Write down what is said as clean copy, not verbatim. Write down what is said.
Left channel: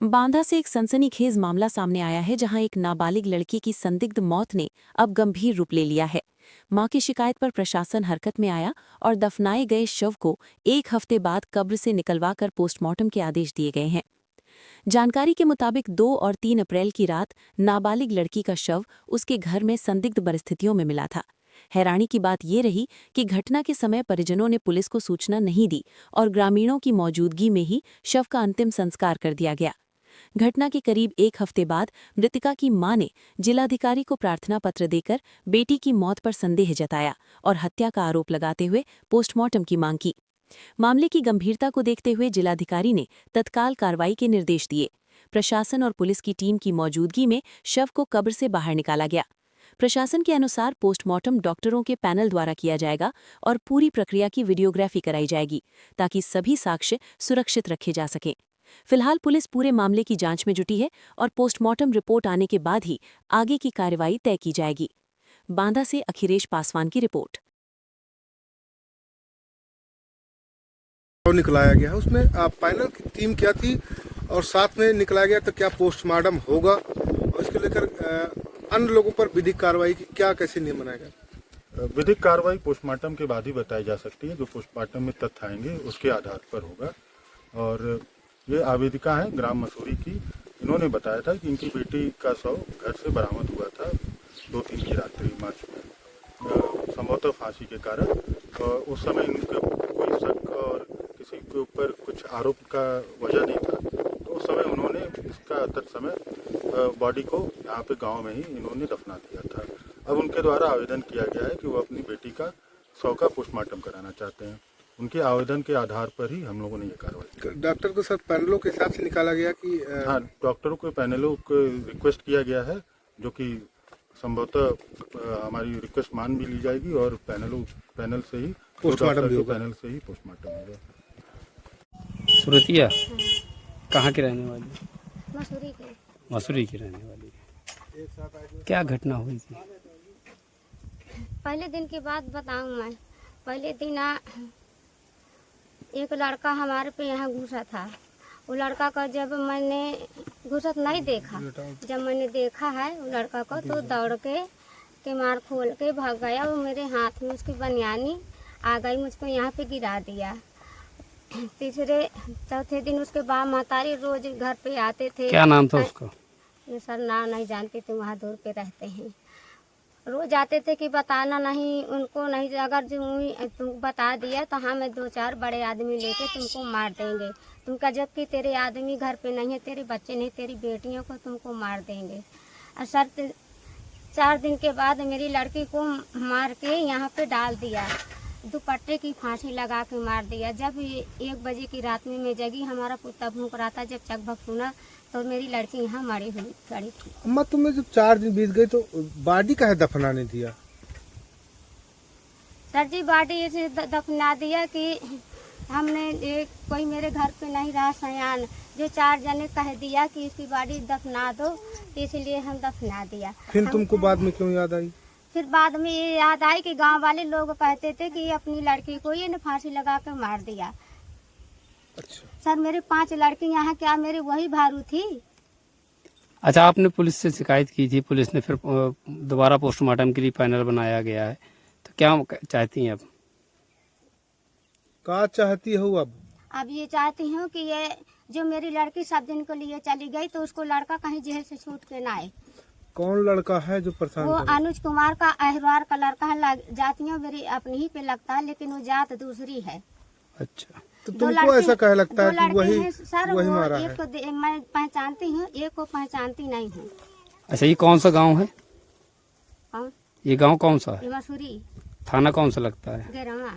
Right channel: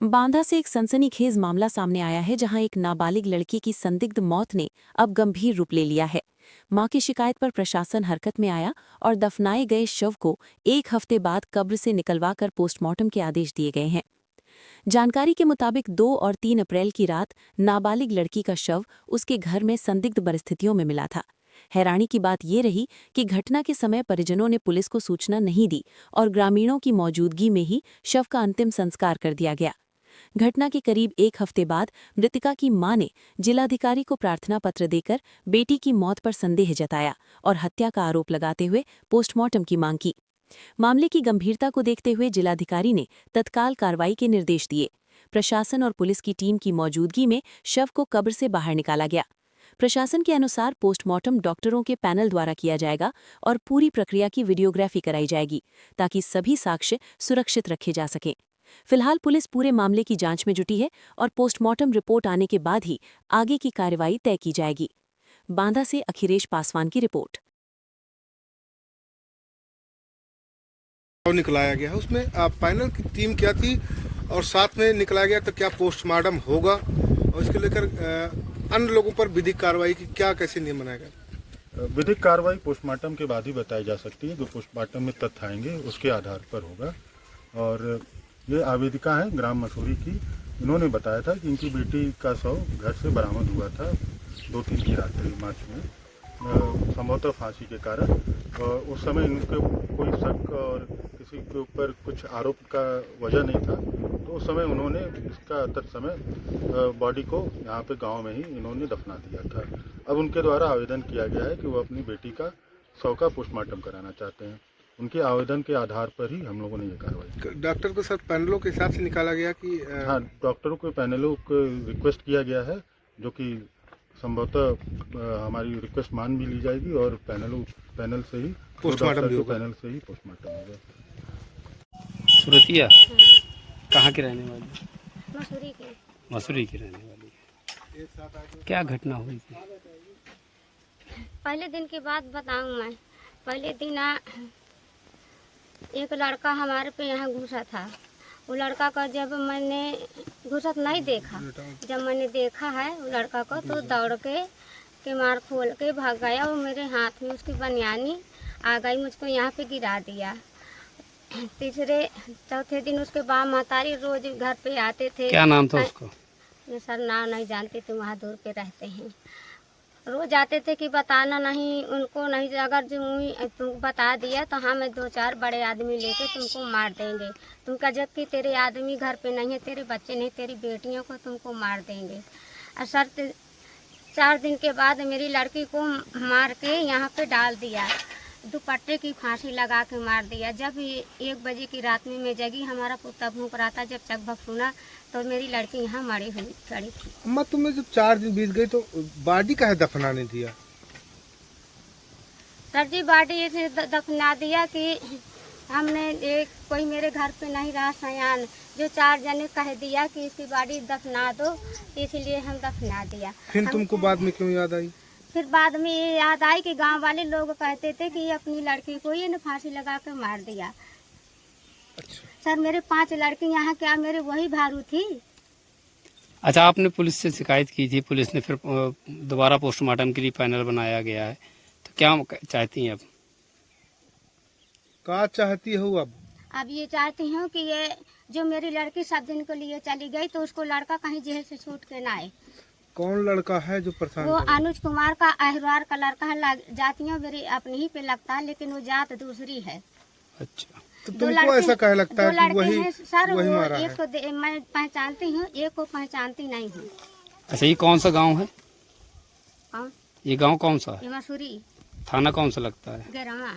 बांदा से एक सनसनीखेज मामला सामने आया है जहां एक नाबालिग लड़की की संदिग्ध मौत ने अब गंभीर रूप ले लिया है। मां की शिकायत पर प्रशासन हरकत में आया और दफनाए गए शव को एक हफ्ते बाद कब्र से निकलवाकर पोस्टमार्टम के आदेश दिए गए हैं। जानकारी के मुताबिक 2 और 3 अप्रैल की रात नाबालिग लड़की का शव उसके घर में संदिग्ध परिस्थितियों में मिला था। हैरानी की बात ये रही कि घटना के समय परिजनों ने पुलिस को सूचना नहीं दी और ग्रामीणों की मौजूदगी में ही शव का अंतिम संस्कार कर दिया गया। घटना के करीब एक हफ्ते बाद मृतिका की मां ने जिलाधिकारी को प्रार्थना पत्र देकर बेटी की मौत पर संदेह जताया और हत्या का आरोप लगाते हुए पोस्टमार्टम की मांग की। मामले की गंभीरता को देखते हुए जिलाधिकारी ने तत्काल कार्रवाई के निर्देश दिए। प्रशासन और पुलिस की टीम की मौजूदगी में शव को कब्र से बाहर निकाला गया। प्रशासन के अनुसार पोस्टमार्टम डॉक्टरों के पैनल द्वारा किया जाएगा और पूरी प्रक्रिया की वीडियोग्राफी कराई जाएगी ताकि सभी साक्ष्य सुरक्षित रखे जा सकें। फिलहाल पुलिस पूरे मामले की जांच में जुटी है और पोस्टमार्टम रिपोर्ट आने के बाद ही आगे की कार्रवाई तय की जाएगी। बांदा से अखिलेश पासवान की रिपोर्ट। निकलाया गया है उसमें पैनल की टीम क्या थी और साथ में निकलाया गया तो क्या पोस्टमार्टम होगा और इसको लेकर अन्य लोगों पर विधिक कार्रवाई की क्या कैसे नियम बनाएगा? विधिक कार्रवाई पोस्टमार्टम के बाद ही बताई जा सकती है। जो पोस्टमार्टम में तथ्य आएंगे उसके आधार पर होगा। और ये आवेदिका है ग्राम मसूरी की। इन्होंने बताया था कि इनकी बेटी का शव घर से बरामद हुआ था 2-3 की रात्रि मार्च में, संभवतः फांसी के कारण। उस समय इनके कोई शक और किसी के ऊपर कुछ आरोप का वजह नहीं था, तो उस समय उन्होंने इसका तत्समय बॉडी को यहाँ पे गांव में ही इन्होंने दफना दिया था। अब उनके द्वारा आवेदन किया गया है कि वो अपनी बेटी का शव का पोस्टमार्टम कराना चाहते हैं। उनके आवेदन के आधार पर ही हम लोगों ने ये कार्रवाई। डॉक्टर के साथ पैनलों के हिसाब से निकाला गया कि हाँ, डॉक्टरों के पैनलों को रिक्वेस्ट किया गया है, जो कि संभवतः हमारी रिक्वेस्ट मान भी ली जाएगी और पैनल से ही पोस्टमार्टम होगा। सुरतिया कहाँ के रहने वाली? मसूरी के। मसूरी की रहने वाली है। क्या घटना हुई थी? पहले दिन की बात बताऊं मैं। पहले दिन एक लड़का हमारे पे यहाँ घुसा था। वो लड़का का जब मैंने घुसत नहीं देखा, जब मैंने देखा है वो लड़का को तो दौड़ के मार खोल के भाग गया। वो मेरे हाथ में उसकी बनियानी आ गई, मुझको यहाँ पे गिरा दिया। तीसरे चौथे दिन उसके बाद महतारी रोज घर पे आते थे। क्या नाम था उसका? ये सर नाम नहीं जानते थे, वहाँ दूर पे रहते हैं। रोज आते थे कि बताना नहीं उनको, नहीं अगर जो तुम बता दिया तो हाँ मैं 2-4 बड़े आदमी लेके तुमको मार देंगे। तुमका जबकि तेरे आदमी घर पे नहीं है, तेरे बच्चे नहीं, तेरी बेटियों को तुमको मार देंगे। और सर 4 दिन के बाद मेरी लड़की को मार के यहाँ पे डाल दिया, दुपट्टे की फांसी लगा के मार दिया। जब 1 बजे की रात में मैं जगी, हमारा कुत्ता भूख रहा था, जब चकभक सुना तो मेरी लड़की यहाँ मरी हुई खड़ी थी। अम्मा तुम्हें जब 4 दिन बीत गए तो बॉडी काहे दफनाने दिया? सर जी बॉडी ऐसे दफना दिया कि हमने एक कोई मेरे घर पे नहीं रहा सयान, जो 4 जने कह दिया कि इसकी बॉडी दफना दो, इसलिए हम दफना दिया। फिर तुमको बाद में क्यों याद आई? फिर बाद में ये याद आई कि गांव वाले लोग कहते थे कि अपनी लड़की को ये फांसी लगा के मार दिया। अच्छा। सर मेरे 5 लड़की यहाँ क्या मेरे वही भारू थी। अच्छा, आपने पुलिस से शिकायत की थी, पुलिस ने फिर दोबारा पोस्टमार्टम के लिए पैनल बनाया गया है, तो क्या चाहती हैं अब? क्या चाहती हो अब? अब ये चाहती हूँ कि ये जो मेरी लड़की 7 दिन के लिए चली गई तो उसको लड़का कहीं जेल से छूट के ना आए। कौन लड़का है जो परेशान? वो अनुज कुमार का अहरवार का लड़का है। जातियाँ मेरी अपनी ही पे लगता है, लेकिन वो जात दूसरी है। अच्छा, तो तुमको ऐसा कह लगता है कि वही सर वही वो मारा एक है? को मैं पहचानती हूँ, एक को पहचानती नहीं हूँ। अच्छा, ये कौन सा गांव है? कौन? ये गांव कौन सा है? ये मसूरी थाना कौन सा लगता है? गैरवा।